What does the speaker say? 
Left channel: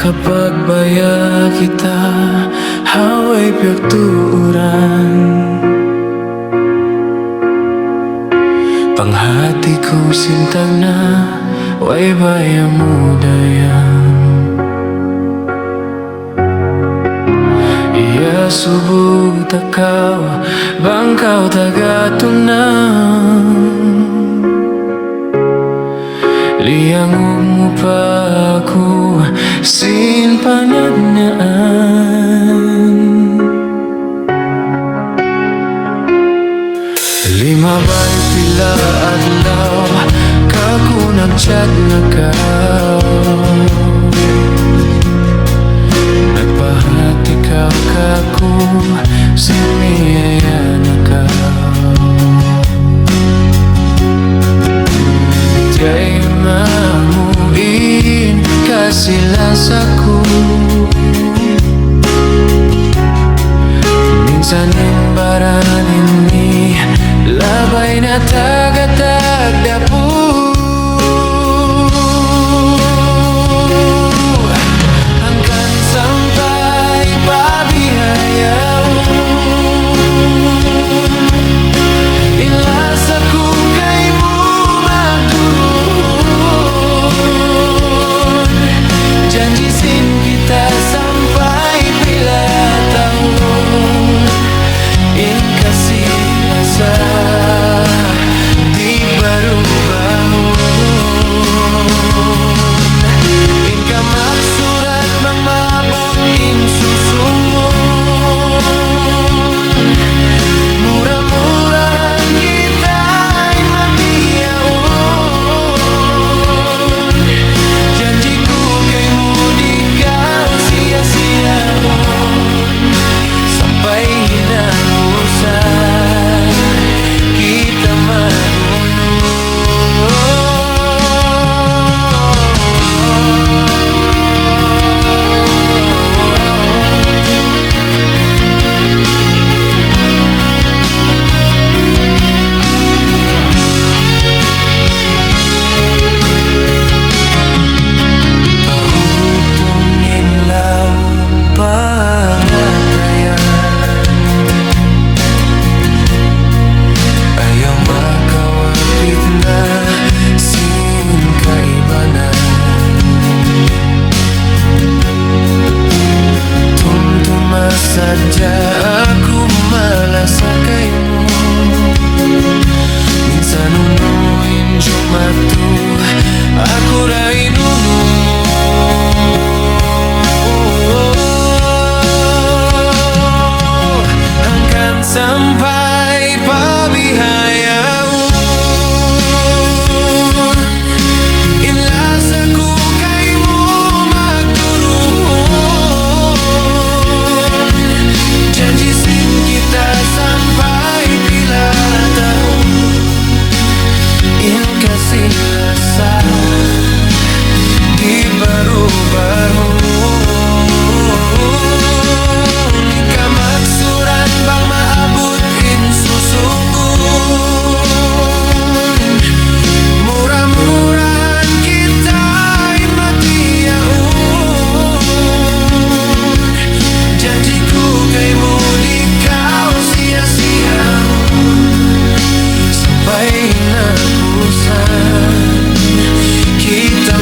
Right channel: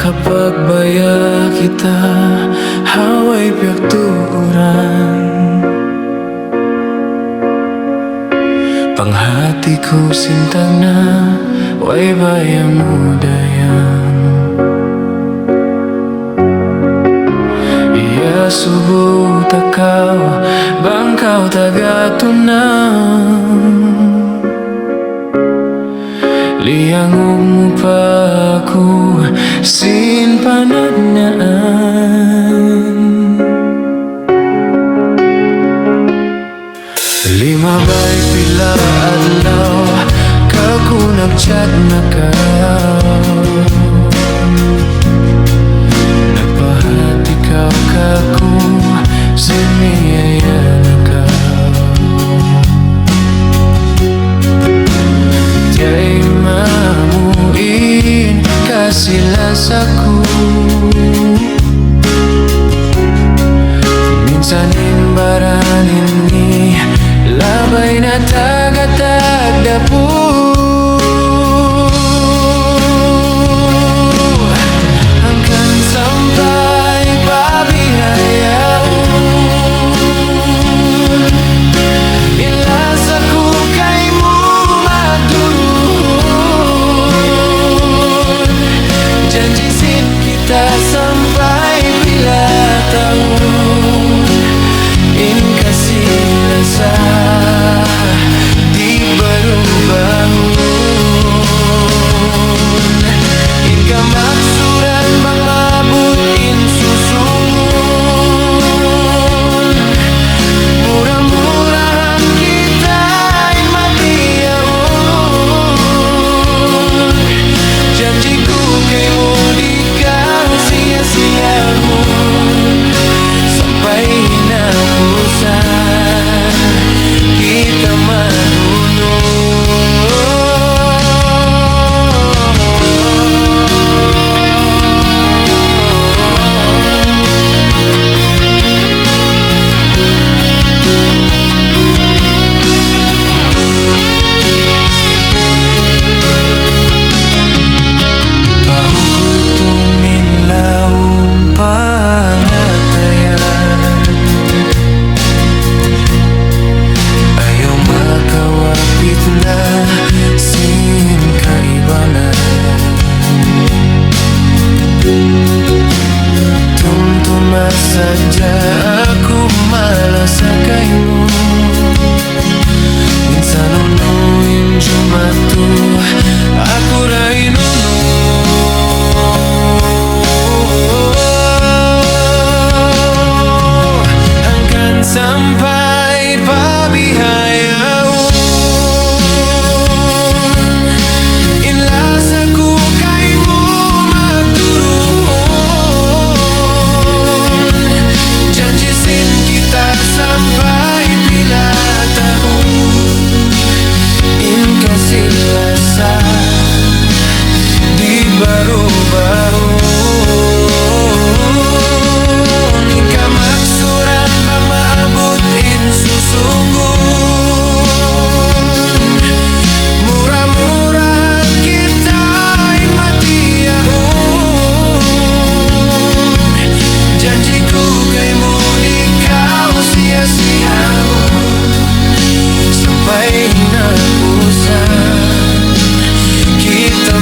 Kapag baya kita, haway piyagturan. Panghati ko sintag na, way baya mo dayang. Iya subo takaw, bangkaw tagatunang. Liangog mo pa ako, sin panadnaan. Lima bay pila adlaw, kaku nagchat na ka. Nagpahati kaw kaku, sin miyaya na ka. Diya'y mamuin kasilas ako. Minsanin baranin ni labay na tagatagdapu. Hanggang sampai pabihayaon, ilas ako kay mo magdurun. Janjisin kita sampai pila tahun, in kasilasa di barubahun. In kamaksuran bang mabut in susungon. Murah-murahan kita in matiyaon. Janjiku kay mo di kau sia-siahon. Sampai hinapusan kita magunung. Pahugutunin laung pangatayan, ayaw makawapit na sin kaibanan. Tumtuma sadya ako malasakay mo. Minsan unuin jumatu, aku rai nunung mo. Hanggang sampai pabihayaon, inlas ako kay mo magdurun. Janjisin kita sampai pila tahun, in kasilasa di barubahun. In kamaksuran bang maabot in susunggon. Murah-murahan kita in matiyaon. Janjiku kay mo di kau sia-siahon. Sampai hinapusan kita